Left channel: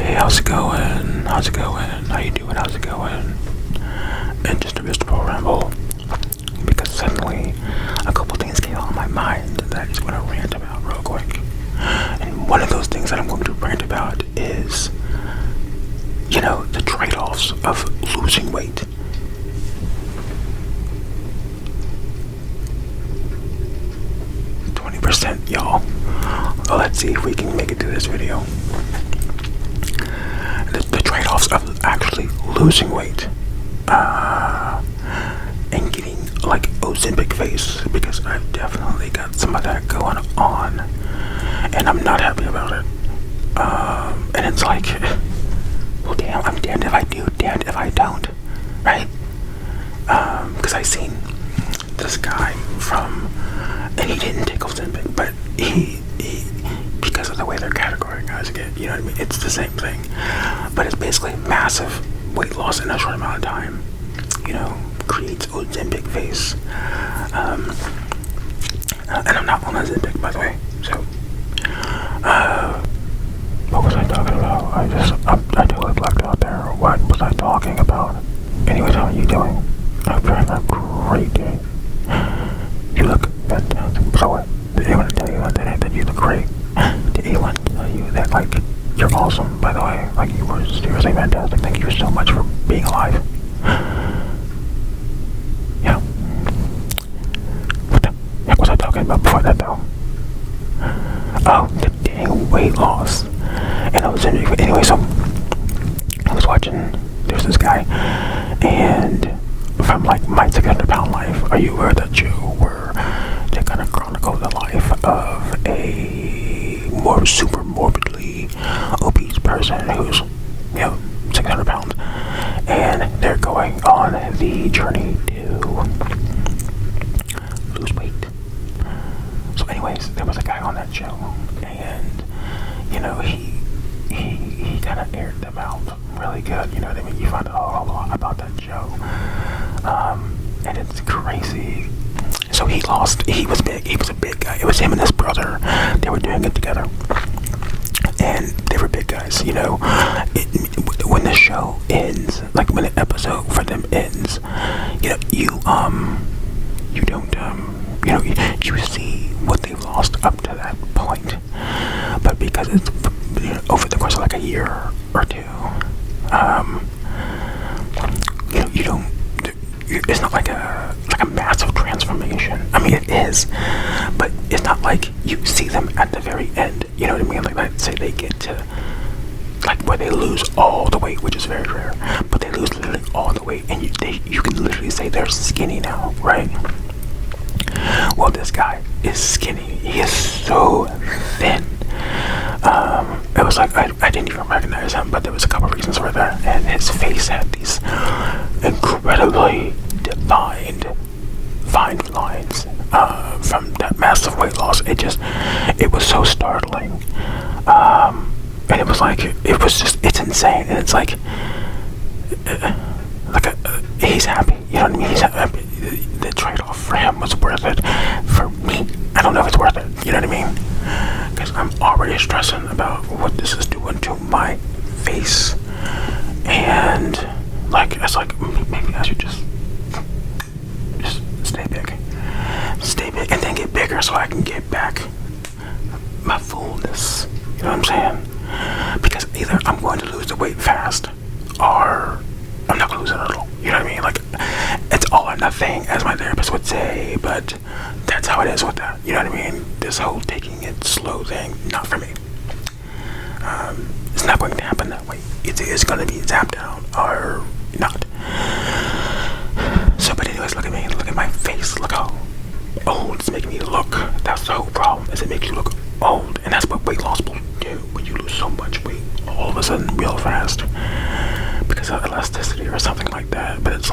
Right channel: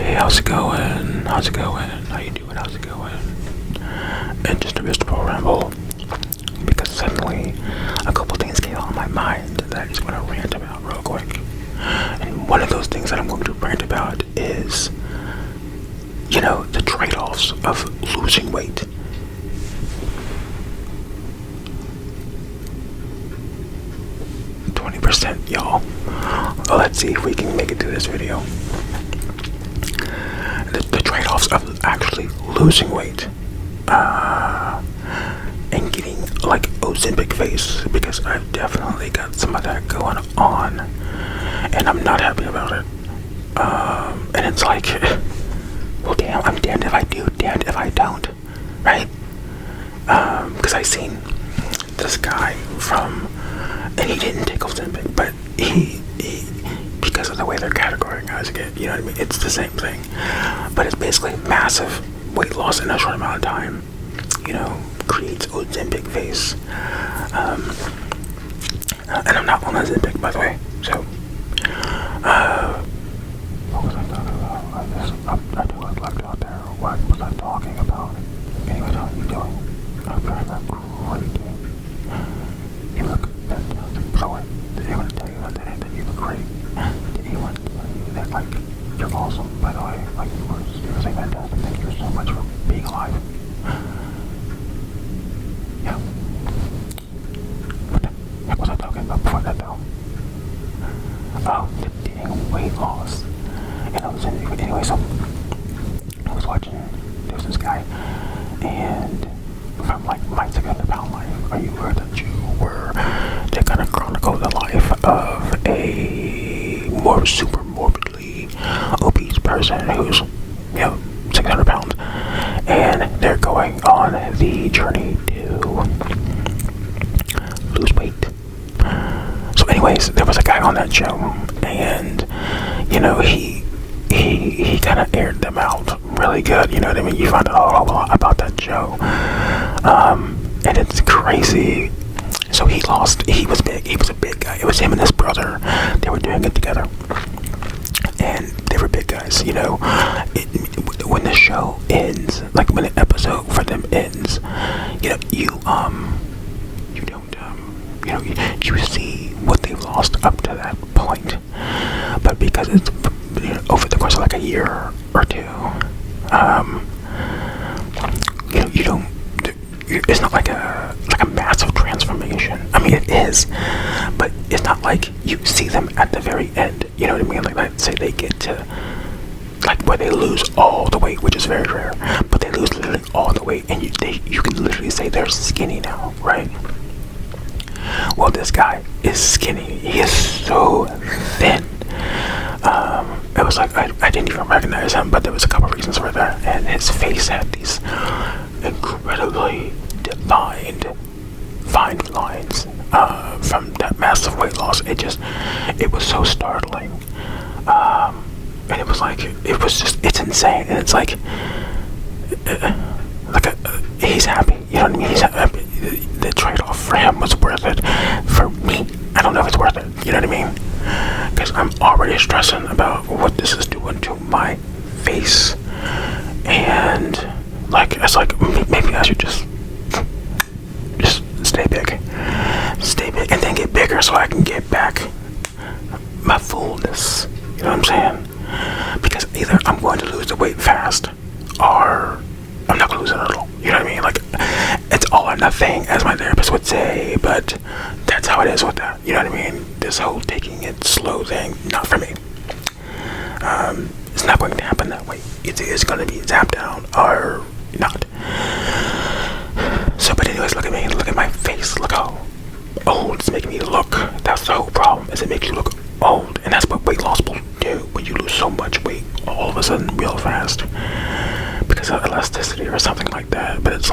Hey, how's it going? How's it going? How you doing? How's it going? And just a vegetable ramble, because suddenly a couple things came on my mind that I just want to rant about real quick. And one of those things that I'm going to rant about is, the trade-offs of losing weight. Y'all. Well, let's see if we can make it through this video. The trade-offs of actually losing weight and getting like Ozempic face, because I've definitely got some of that going on and I'm not happy about it. And it's like, well, damn, I'm damned if I do, damned if I don't, right? Because I seen this guy and he didn't take Ozempic, but he because of the way they're categorizing it, you know what I mean? It's the same thing, but it's basically massive weight loss in a short amount of time. Creates Ozempic face. And I'm not on Ozempic, by the way. So, what was I talking about? I totally blacked out there. What was I talking about? Anyways, how are you doing? I'm having a great day. You look fantastic. So what? Did anyone tell you that you look great? Did anyone tell you that, you're awesome, by the way? You were seriously fantastic. Thank you so much for being alive. Yeah. What the heck was I talking about before that, though? Oh, the dang weight loss. And I was anyway, so I was watching, there's this guy, and from my 600-pound life, are you aware that they kind of chronicle the life of a more super morbidly obese person who's 600 pounds, and they're going on the journey to lose weight. So anyways, there was a guy on that show, and he kind of aired them out really good. You know what I mean? You find out a whole lot about that show, and it's crazy. So he was big. He was a big guy. It was him and his brother. They were doing it together, and they were big guys. When the show ends, when the episode for them ends, you see what they've lost up to that point. But because it's over the course of a year or two, you don't. It's not like a massive transformation. I mean, it is, but it's not like you see them at the very end. You know what I mean? Let's say they get to where they lose all the weight, which is very rare, but they lose literally all the weight, and you can literally say they're skinny now, right? Well, this guy is skinny. He is so thin. It was I didn't even recognize him, but there was a couple reasons for that. And his face had these incredibly defined, fine lines from that massive weight loss. It was so startling. And it was it's insane. And it's he's happy. You know what I mean? He's happy. The trade-off for him was worth it. For me, I don't know if it's worth it. You know what I mean? Because I'm already stressing about what this is doing to my face. And it's maybe I should just stay big, and then get bigger so I can get back my fullness. You know what I'm saying? Because either I'm going to lose the weight fast, or I'm not going to lose it at all. You know what I mean? It's all or nothing, as my therapist would say, but that's how it is with that. You know what I mean? This whole taking it slow thing, not for me. It's not going to happen that way. It's going to be zapped down or not. So, but anyways, look at me. Look at my face. Look how old it's making me look. That's the whole problem, is it makes you look old. And that's what weight loss will do when you lose so much weight all of a sudden real fast. Because of elasticity or something like that. But it's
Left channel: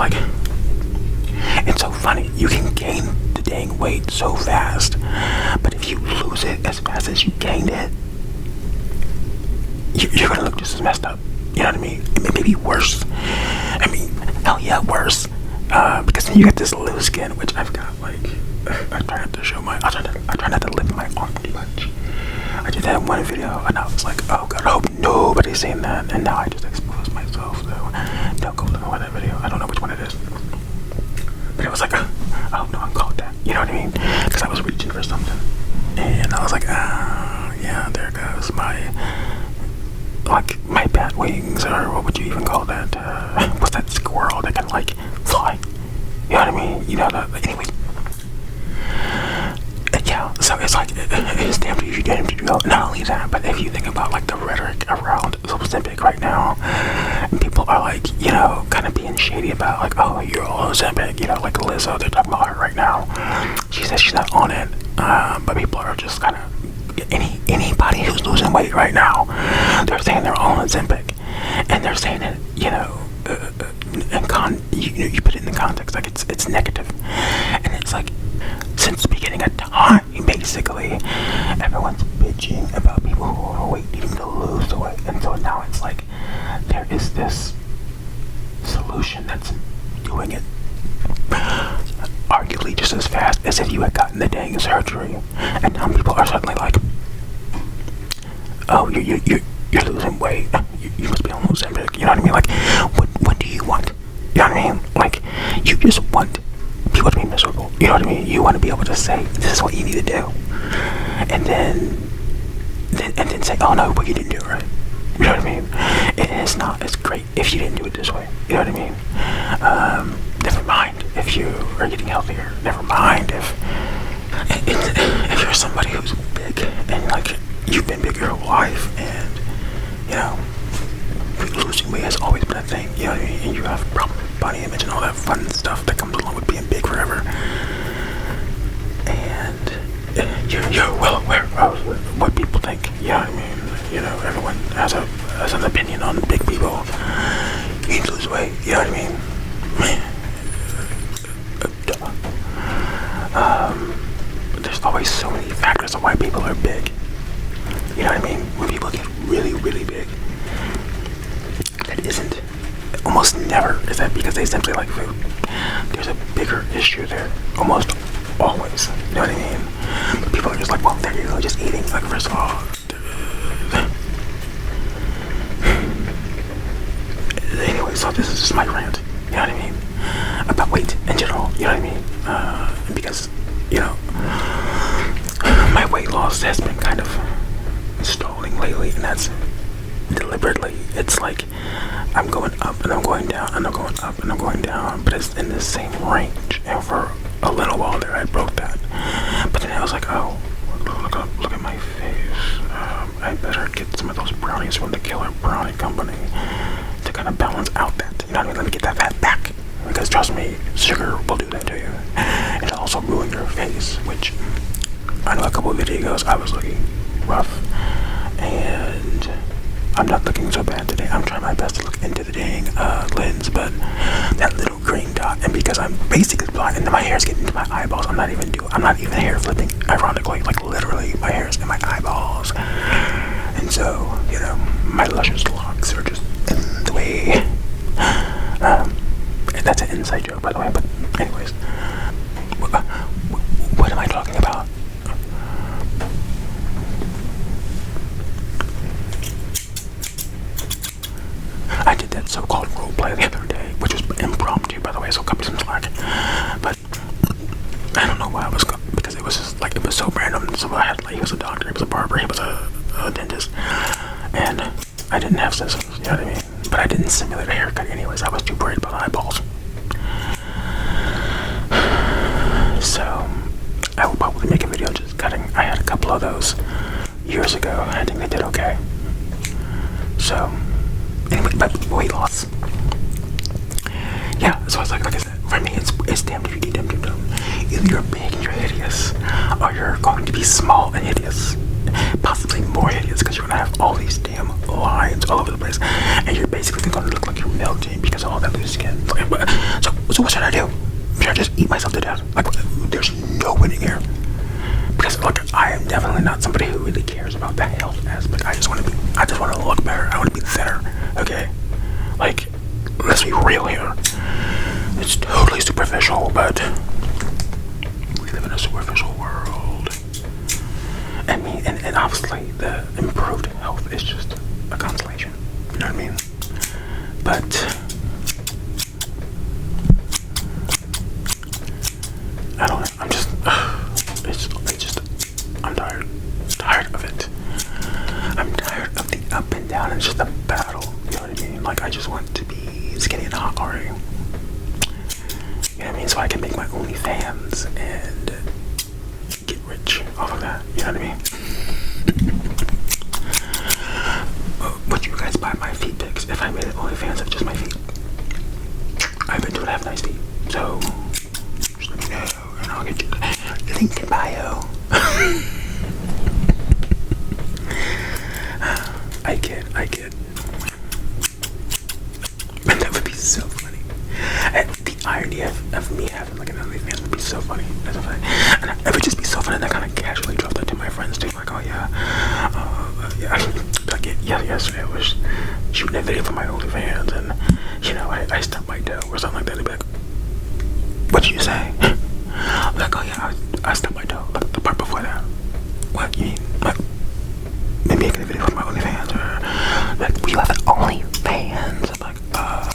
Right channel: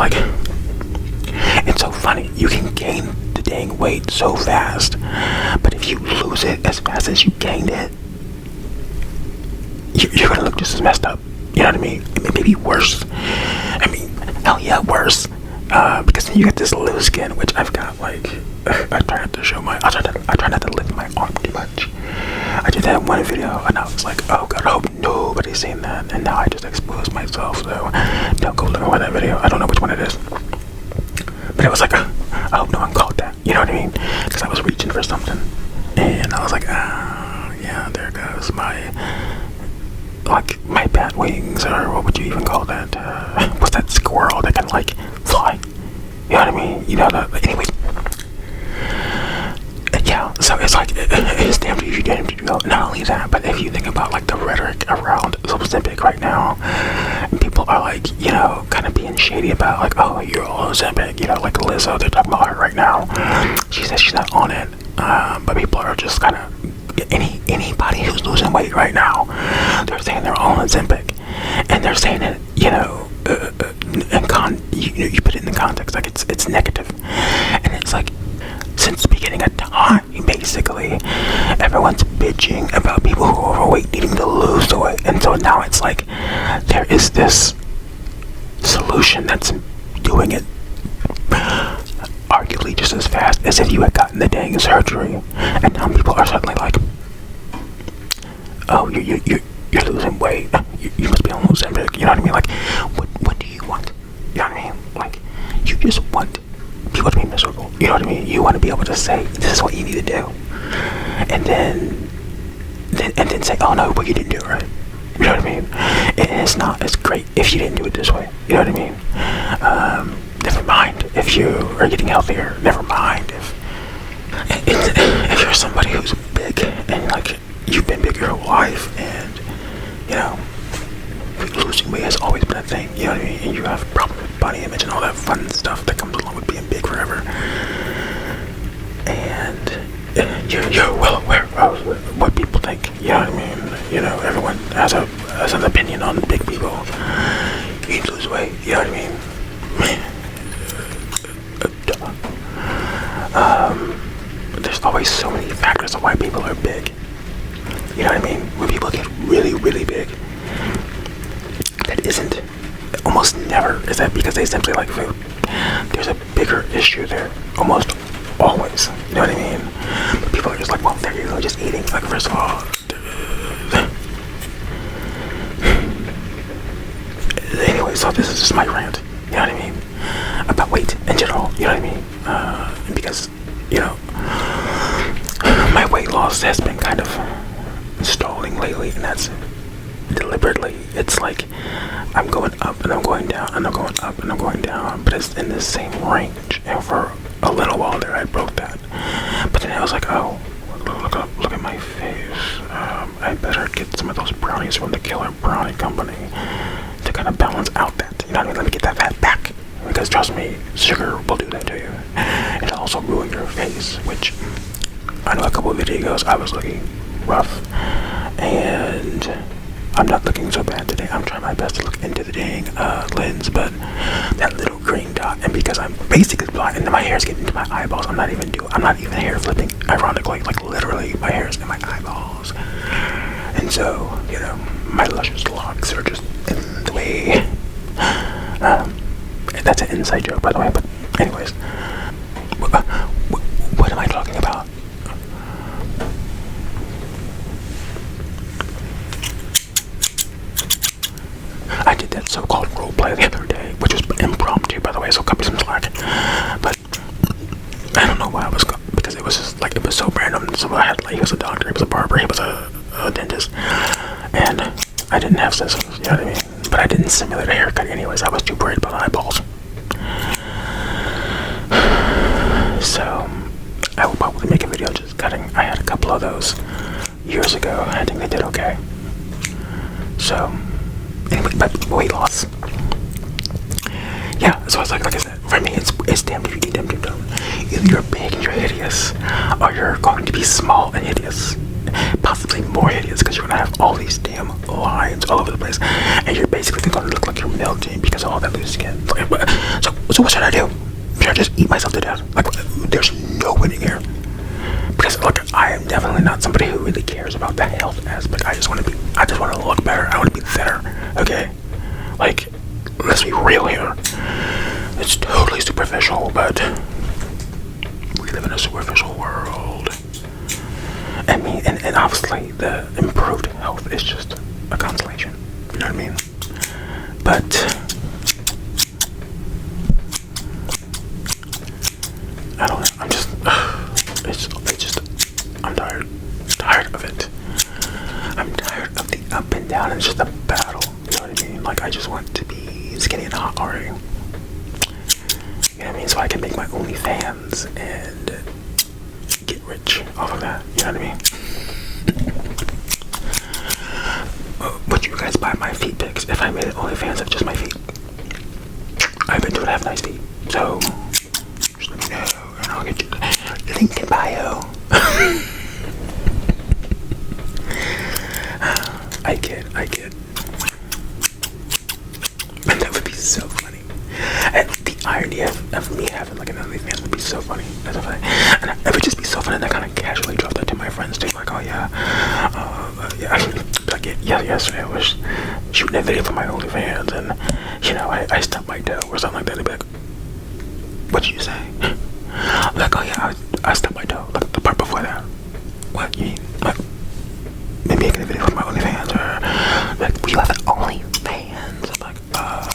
it's so funny. You can gain the dang weight so fast, but if you lose it as fast as you gained it, you're gonna look just as messed up. You know what I mean? Maybe worse. I mean, hell yeah, worse. Because then you get this loose skin, which I've got. I try not to show I try not to lift my arm too much. I did that in one video, and I was like, oh god, I hope nobody everybody's seen that, and now I just exposed myself. So don't go looking for that video. I don't know which one it is, but it was like, I hope no one caught that. You know what I mean? Because I was reaching for something, and I was like, yeah, there goes my bat wings, or what would you even call that? What's that squirrel that can like fly? You know what I mean? You know that. Anyways. Yeah, so it's like, it's damn if you get him to do it. Not only that, but if you think about like the rhetoric around Ozempic right now, and people are like, you know, kind of being shady about like, oh, you're all Ozempic, you know, like Lizzo, they're talking about her right now. She says she's not on it, but people are just kind of, anybody who's losing weight right now, they're saying they're all Ozempic, and they're saying it, you know, you put it in the context like it's negative, and it's like, since the beginning of time, basically, everyone's bitching about people who are overweight needing to lose the weight, and so now it's like there is this solution that's doing it arguably just as fast as if you had gotten the dang surgery, and now people are suddenly like, oh, you're losing weight, you must be on Ozempic, you know what I mean? Like, what do you want? You know what I mean? Like, you just want people to be miserable. You know what I mean? You want to be able to say, this is what you need to do, and then say, oh no, but you didn't do it right. You know what I mean? It's not as great if you didn't do it this way. You know what I mean? Never mind if you are getting healthier. Never mind if you're somebody who's big and like you've been big your whole life, and you know, losing weight has always been a thing. You know what I mean? And you have problems with body image and all that fun stuff that comes along with being big forever. And you're well aware of what people think. You know what I mean? You know, everyone has an opinion on big people. You need to lose weight. You know what I mean? There's always so many factors of why people are big. You know what I mean? When people get really, really big, that isn't, almost never is that because they simply like food. There's a bigger issue there, almost always. You know what I mean? But people are just like, well, there you go, just eating. Like, first of all, anyway, so this is just my rant. You know what I mean? About weight in general. You know what I mean? Because, you know, my weight loss has been kind of stalling lately, and that's deliberately. It's like I'm going up and I'm going down and I'm going up and I'm going down, but it's in the same range. And for a little while there, I broke that. But then I was like, oh, look at my face. I better get some of those brownies from the Killer Brownie Company to kind of balance out that. You know what I mean? Let me get that fat back. Because trust me, sugar will do that to you. It'll also ruin your face, which I know a couple of videos I was looking rough, and I'm not looking so bad today. I'm trying my best to look into the dang lens, but that little green dot, and because I'm basically blind and my hair's getting into my eyeballs, I'm not even hair flipping, ironically, like literally my hair's in my eyeballs. And so, you know, my luscious locks are just in the way. And that's an inside joke, by the way, but anyways, what am I talking about? I did that so-called role play the other day, which was impromptu, by the way, so cut me some slack. But I don't know why I was because it was just like, it was so random. So I had, like, he was a doctor, he was a barber, he was a dentist, and I didn't have scissors, you know what I mean? But I didn't simulate a haircut anyways. I was too worried about eyeballs. So I will probably make a video just cutting. I had a couple of those years ago. I think they did okay. So anyway, but weight loss. Yeah, so it's like I said, for me, it's damned if you do, damned if you don't. Either you're big and you're hideous, or you're going to be small and hideous. Possibly more hideous, because you're going to have all these damn lines all over the place, and you're basically going to look like you're melting because of all that loose skin. So what should I do? Should I just eat myself to death? Like, there's no winning here. Because look, I am definitely not somebody who really cares about the health aspect. I just want to look better. I want to be thinner. Okay, like, let's be real here. It's totally superficial, but we live in a superficial world. I mean, and obviously the improved health is just a consolation. But I don't know. I'm just, it's just, I'm tired of it. I'm tired of the up and down. It's just a battle. You know what I mean? Like, I just want to be skinny and hot already. You know what I mean? So I can make my OnlyFans and get rich off of that. You know what I mean? Would you guys buy my feet pics if I made an OnlyFans of just my feet? I bet you would have nice feet. So, just let me know, and I'll get you the link in bio. I kid. But that would be so funny. And the irony of me having like an OnlyFans would be so funny. That's funny. And it would just be so funny that I kind of casually drop that to my friends too. Like, oh yeah, like yesterday I was shooting a video for my OnlyFans, and you know I stubbed my toe or something like that. They'd be like, "What'd you say?" I'm like, "Oh yeah, I stubbed my toe." Like the part before that. What you mean? Like, maybe making a video for my OnlyFans, or like, we have an OnlyFans. I'm like, oh,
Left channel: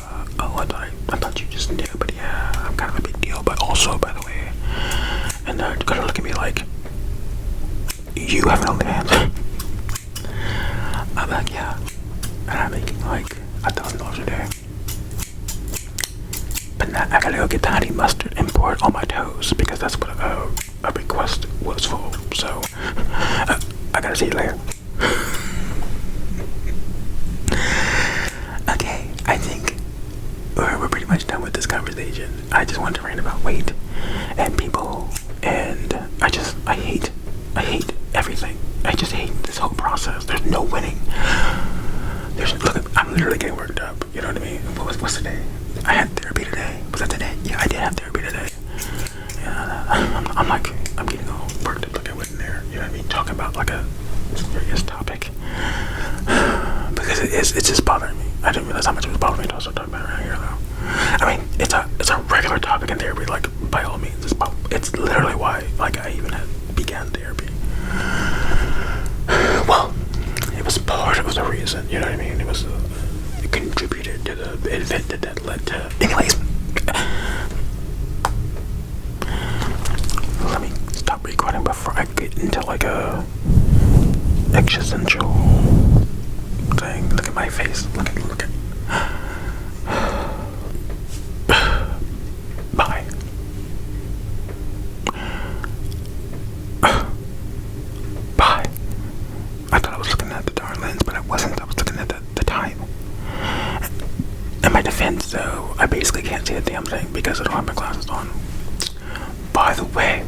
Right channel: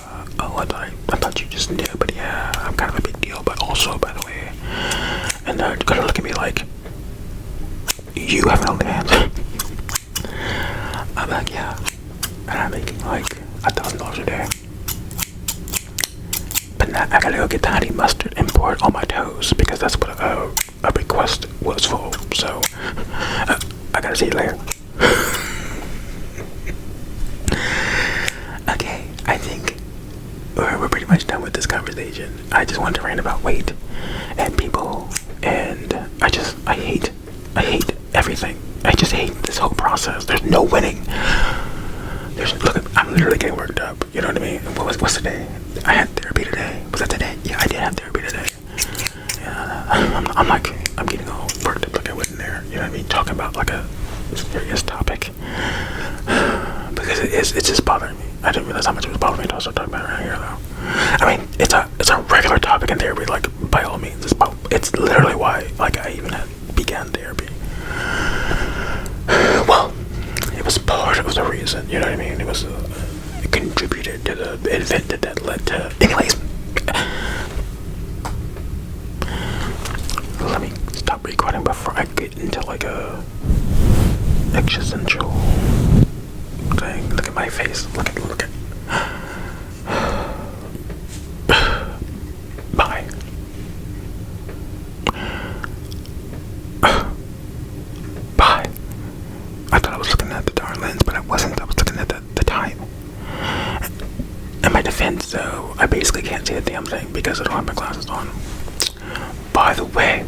I thought you just knew, but yeah, I'm kind of a big deal. But also, by the way, and they're gonna look at me like, you have an OnlyFans. I'm like, yeah, and I'm making like $1,000 a day. But now I gotta go get the honey mustard and pour it on my toes because that's what a request was for. So I gotta see you later. Okay, I think we're pretty much done with this conversation. I just wanted to rant about weight and people, and I hate everything. I just hate this whole process. There's no winning. Look, I'm literally getting worked up. You know what I mean? What's the day? I had therapy today. Was that today? Yeah, I did have therapy today. Yeah, I'm getting all worked up like I wasn't there. You know what I mean? Talking about like a serious topic because it's just bothering me. I didn't realize how much it was bothering me until I started talking about it right here, though. I mean, it's a regular topic in therapy. Like, by all means, it's literally why like I even began therapy. Well, it was part of the reason. You know what I mean? It contributed to the event that led to. Anyways, let me stop recording before I get into like a existential thing. Look at my face. Look at. Bye. Bye. I thought I was looking at the darn lens, but I wasn't. I was looking at the time. In my defense, though, I basically can't see a damn thing because I don't have my glasses on. By the way,